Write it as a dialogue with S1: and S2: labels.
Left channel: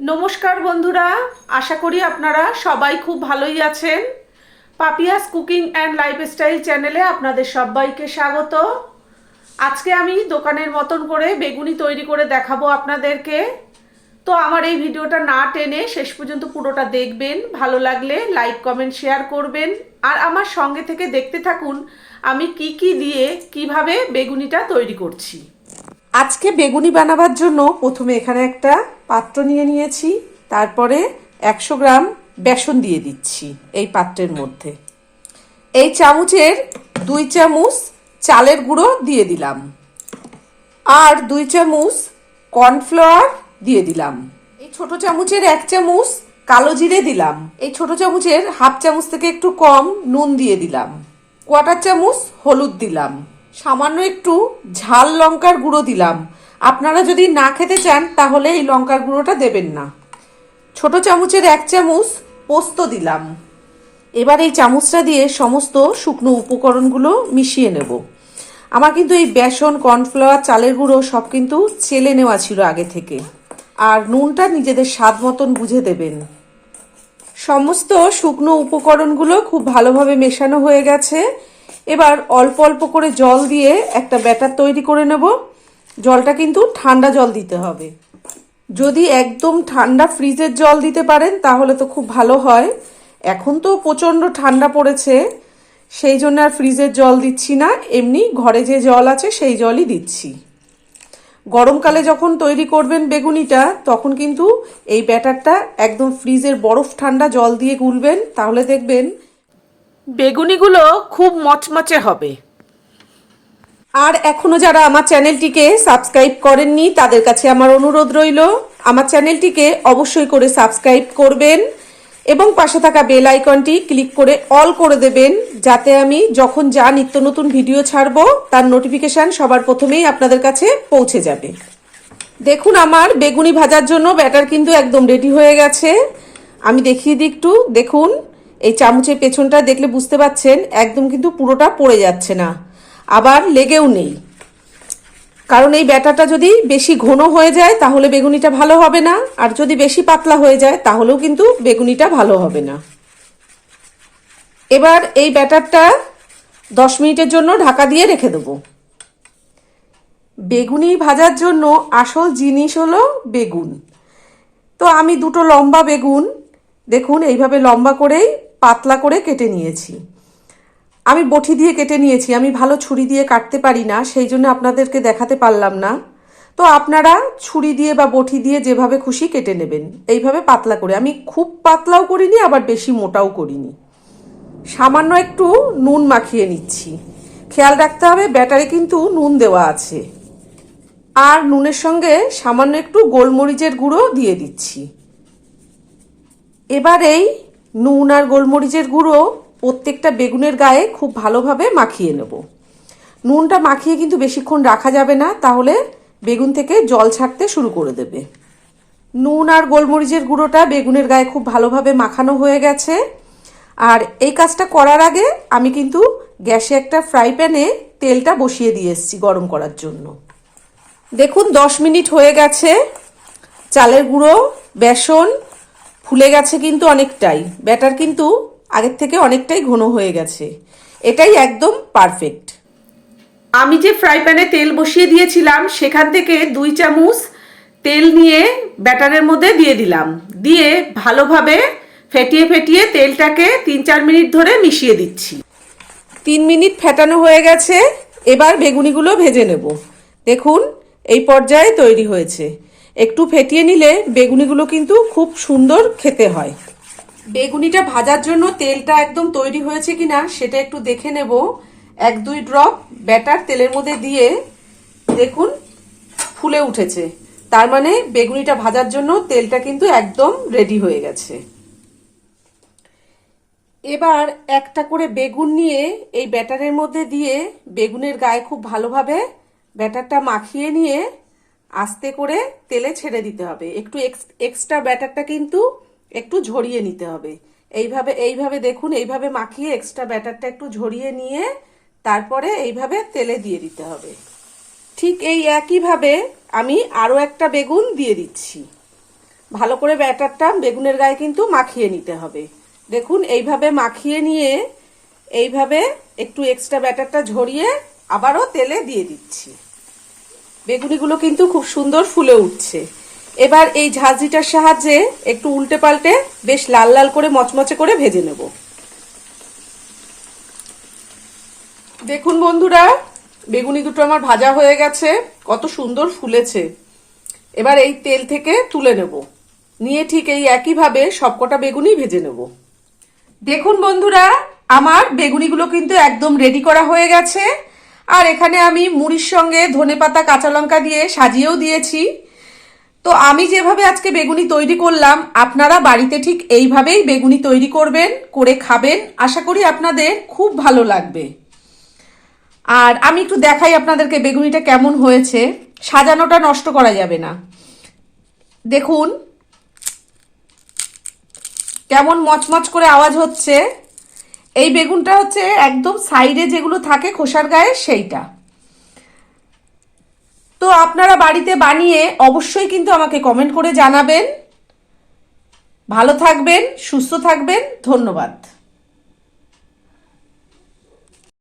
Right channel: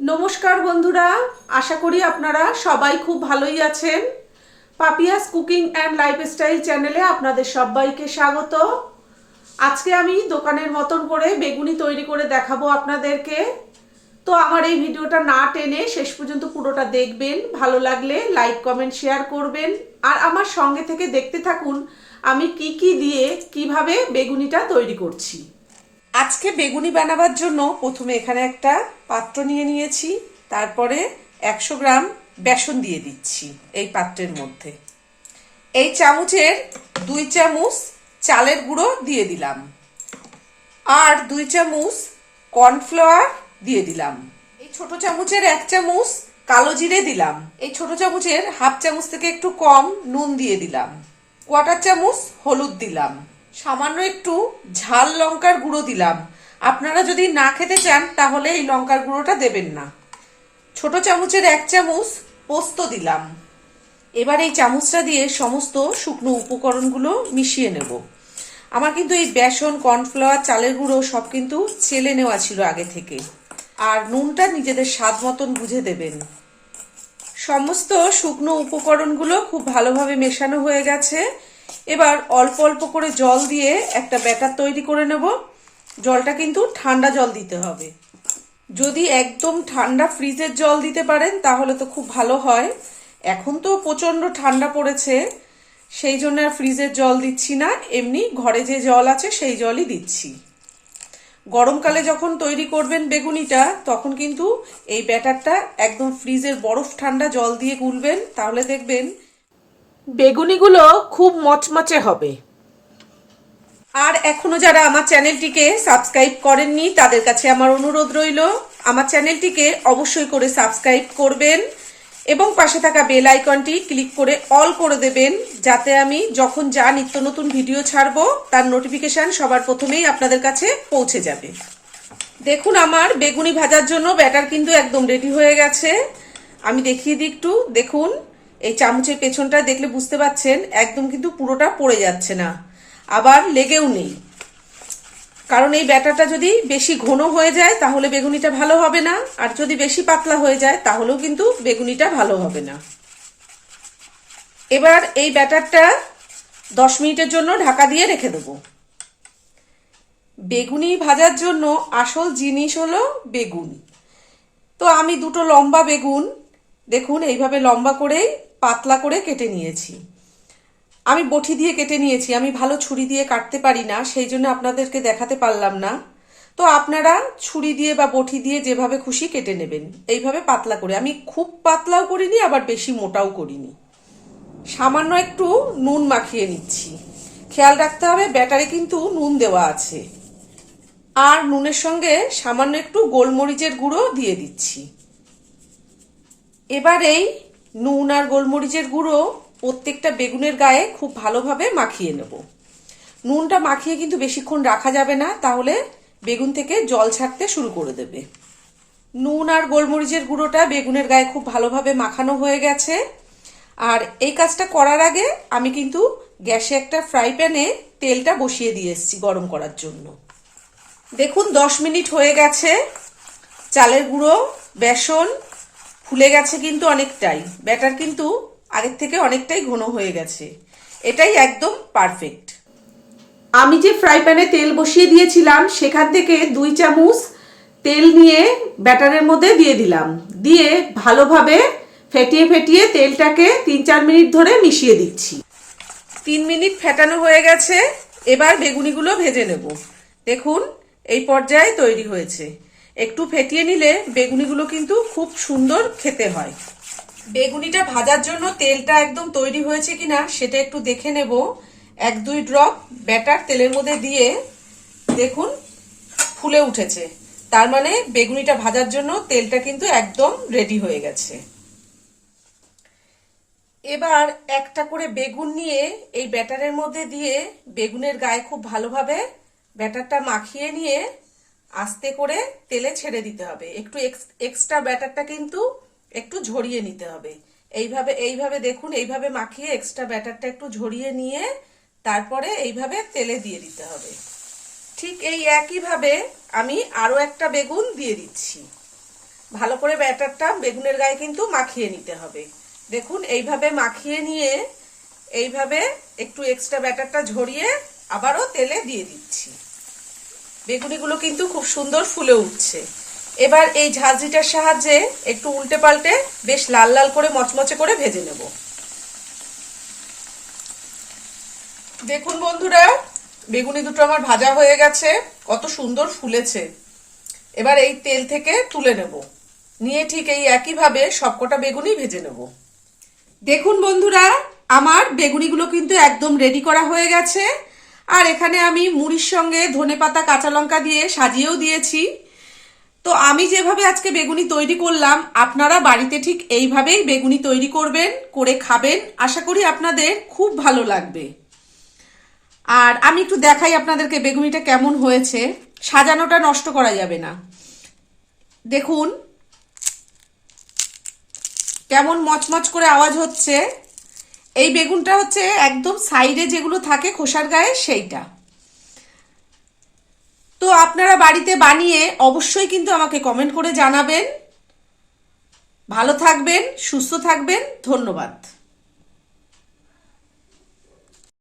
S1: নমস্কার বন্ধুরা, আশা করি আপনারা সবাই খুব ভালোই আছেন। পাপিয়াস কুকিং অ্যান্ড লাইফস্টাইল চ্যানেলে আপনাদের সবাইকে স্বাগত। আজকে আমি দোকানের মতন করে বেগুনি তৈরি করে দেখাবো আপনাদেরকে। তো আমার এই ভিডিওটা না টেনে শেষ পর্যন্ত পুরোটা দেখবেন, ভালো লাগলে লাইক, কমেন্ট, শেয়ার করবেন। আর আমার সঙ্গে থেকে দেখতে থাকুন, আমি কি কি দিয়ে কীভাবে বেগুনিটা তৈরি করছি। আজকে বেগুনি বানাবার জন্য প্রথমে এখানে একটা পাত্র নিয়ে নিয়েছি, তারপরে একশো গ্রাম বেসন দিয়ে দিচ্ছি এই পাত্রের মধ্যে। এই চামচের দুই চামচ চালের গুঁড়ো দিয়ে দিলাম। আর দুই চামচ কর্নফ্লাওয়ার দিয়ে দিলাম। এই ছোট চামচের এক চামচ কালো জিরে দিলাম। এই ছোট চামচের হাফ চামচ থেকে একটু কম নুন দিয়ে দিলাম। কোয়াটার চামচ হলুদ দিলাম। সামান্য একটু ঝাল লঙ্কার গুঁড়ো দিলাম। আপনারা যদি না খেতে চান, তাহলে এই লঙ্কার গুঁড়োটা দেবেন না। ছোট চামচের এক চামচ পোস্ত দিলাম। এবার এই চামচটা দিয়ে সমস্ত শুকনো উপকরণগুলো মিশিয়ে নেব। আমার কিন্তু এই বেসন, কর্নফ্লাওয়ার, চালের গুঁড়ো সব কিন্তু চেলে নেওয়া ছিল আগে থেকে। আর নুনটা নিজেদের স্বাদ মতন বুঝে দেবেন। সমস্ত শুকনো উপকরণগুলো খুব ভালোভাবে মেশানো হয়ে গেছে। এবার অল্প অল্প করে জল দিয়ে একটা ব্যাটার তৈরি করে নেব। জলটা কিন্তু ঠান্ডা জল দিতে হবে। যদি একদম ঠান্ডা ফ্রিজের জল দিতে পারেন, তাহলে তো খুব ভালো হয়। এখন তো প্রচণ্ড ঠান্ডা পড়েছে, সেই জন্য আর ফ্রিজের জল দিচ্ছি না। এমনি ঘরে যে জল আছে, সেই জলই দিচ্ছি। গরমকালে যখন তৈরি করবেন বেগুনিটা, তখন কিন্তু এই ব্যাটারটা একদম ফ্রিজের বরফ ঠান্ডা জল দিয়ে গুলবেন। তাহলে দেখবেন বেগুনিগুলো খুব মচমচে হবে। আর এখনও যারা আমার চ্যানেলটিকে সাবস্ক্রাইব করেননি, তাদের কাছে আমার অনুরোধ রইল, আমার চ্যানেলটিকে অবশ্যই করে সাবস্ক্রাইব করবেন এবং পাশে থাকা বেল আইকনটি ক্লিক করে অল করে দেবেন, যাতে আমি যখন যা নিত্য নতুন ভিডিও ছাড়ব, তার নোটিফিকেশন সবার প্রথমেই আপনাদের কাছে পৌঁছে যাবে। দেখুন আমার বেগুনি ভাজার জন্য ব্যাটার কিন্তু একদম রেডি হয়ে গেছে। আমি দেখিয়ে দিই একটু, দেখুন। এই চামচের পেছনটা দেখলে বুঝতে পাচ্ছেন, একদম কিন্তু পুরোটা পড়ে যাচ্ছে না। আবার লেগেও নেই। কারণ এই ব্যাটারটা যদি বেশি ঘন হয়ে যায়, তাহলে বেগুনিটা ভালো হবে না। আর যদি বেশি পাতলা হয়ে যায়, তাহলেও কিন্তু বেগুনিটা ভালো হবে না। এবার এই ব্যাটারটা দশ মিনিটের জন্য ঢাকা দিয়ে রেখে দেবো। বেগুনি ভাজার জন্য আসল জিনিস হলো বেগুন। তো আমি দুটো লম্বা বেগুন, দেখুন, এইভাবে লম্বা করেই পাতলা করে কেটে নিয়েছি। আমি বটি দিয়ে কেটে নিয়েছি, আমি ভালো ছুরি দিয়ে কাটতে পারি না, সেই জন্য আপনাদেরকে দেখাতে পারলাম না। তো আপনারা ছুরি দিয়ে বা বটি দিয়ে যেভাবে খুশি কেটে নেবেন, এইভাবে পাতলা করে। আমি খুব পাতলাও করিনি, আবার বেশি মোটাও করিনি। সামান্য একটু নুন মাখিয়ে নিচ্ছি। খেয়াল রাখতে হবে, ব্যাটারে কিন্তু নুন দেওয়া আছে। আর নুনের সঙ্গে সামান্য একটু গোলমরিচের গুঁড়ো দিয়ে দিচ্ছি। এবার এই নুন আর গোলমরিচের গুঁড়ো প্রত্যেকটা বেগুনের গায়ে খুব ভালোভাবে মাখিয়ে নেব। নুনটা মাখিয়ে কিন্তু বেশিক্ষণ রাখা যাবে না, তাহলে বেগুন থেকে জল ছাড়তে শুরু করে দেবে। নুন আর গোলমরিচের গুঁড়োটা বেগুনের গায়ে খুব ভালোভাবে মাখানো হয়ে গেছে। আর এই কাজটা করার আগে আমি কিন্তু গ্যাসে একটা ফ্রাই প্যানে তেলটা বসিয়ে দিয়ে এসেছি গরম করার জন্য। দেখুন, দশ মিনিট হয়ে গেছে। চালের গুঁড়ো, বেসন ফুলে গেছে কিন্তু অনেকটাই। ব্যাটার কিন্তু আগের থেকে অনেকটাই ঘন হয়ে গেছে। এটাই একদম পারফেক্ট আমি যে ফ্রাই প্যানে তেল বসিয়ে দিয়েছিলাম সেখান থেকে দুই চামচ তেল নিয়ে ব্যাটারের মধ্যে দিয়ে দিলাম। দিয়ে ভালোভাবে ফেটিয়ে ফেটিয়ে তেলটাকে তিন চার মিনিট ধরে মিশিয়ে দিচ্ছি। তিন মিনিট ফেটানো হয়ে গেছে। এবার বেগুনিগুলো ভেজে নেব। দেখুন এই পর্যায়ে তৈরি হয়েছে। একটু ফেটিয়ে নিলে বেগুনিগুলো কিন্তু খুব সুন্দর খেতে হয়। বেগুনিটা ভাজার জন্য তেলটা একদম তৈরি হয়েছে কিনা সেটা একটু দেখে নেব। এক, দুই ড্রপ ব্যাটার তেলের মধ্যে দিয়ে দেখুন ফুলে উঠেছে। তার মানে বেগুনিটা ভাজার জন্য তেলটা কিন্তু একদম রেডি হয়ে গেছে। এবার একটা করে বেগুন নিয়ে এই ব্যাটারের মধ্যে দিয়ে বেগুনের গায়ে খুব ভালোভাবে ব্যাটারটা মাখিয়ে নিয়ে আস্তে করে তেলে ছেড়ে দিতে হবে। একটু এক্সট্রা ব্যাটারটা কিন্তু একটু ঝরিয়ে নিতে হবে। এইভাবে এইভাবে দেখুন, এইভাবে মাখিয়ে এক্সট্রা ব্যাটারটা একটু ঝরিয়ে নিয়ে তারপরে এইভাবে তেলে দিয়ে দিতে হবে। ঠিক এই একইভাবে আমি আরও একটা বেগুন দিয়ে দিচ্ছি। ভালো করে ব্যাটারটা বেগুনের গায়ে কিন্তু মাখিয়ে নিতে হবে। দেখুন, এইভাবে মাখিয়ে নিয়ে এইভাবে একটু এক্সট্রা ব্যাটারটা ঝরিয়ে আবারও তেলে দিয়ে দিচ্ছি। বেগুনিগুলো কিন্তু খুব সুন্দর ফুলে উঠছে। এবার এই ঝাঁঝিটার সাহায্যে একটু উল্টে পাল্টে বেশ লাল লাল করে মচমচে করে ভেজে নেব। দেখুন বন্ধুরা, বেগুনি দুটো আমার ভাজা হয়ে গেছে, কত সুন্দর ফুলেছে। এবার এই তেল থেকে তুলে নেব। নিয়ে ঠিক এই একইভাবে সবকটা বেগুনি ভেজে নেব। দেখুন বন্ধুরা, আমার বেগুনিগুলো কিন্তু একদম রেডি করা হয়ে গেছে। আর এখানে আমি মুড়ির সঙ্গে ধনে পাতা, কাঁচা লঙ্কা দিয়ে সাজিয়েও দিয়েছি। তো আমি যেভাবে আজকে বেগুনি তৈরি করলাম, আপনারা বাড়িতে ঠিক এইভাবেই বেগুনি তৈরি করবেন, করে খাবেন। আশা করি আপনাদের খুব ভালো লাগবে। আর আমি একটু দেখাই আপনাদেরকে বেগুনিটা কেমন হয়েছে। সাজানোটা নষ্ট করা যাবে না। দেখুন, কেমন মচমচ করে আওয়াজ হচ্ছে। এই বেগুনটা হচ্ছে একদম সাইডে যেগুলো থাকে খোসার গায়ে, সেইটা। তো আপনারা বাড়িতে বানিয়ে অবশ্যই কিন্তু আমাকে কমেন্ট করে জানাবেন। ভালো থাকবেন, সুস্থ থাকবেন, ধন্যবাদ।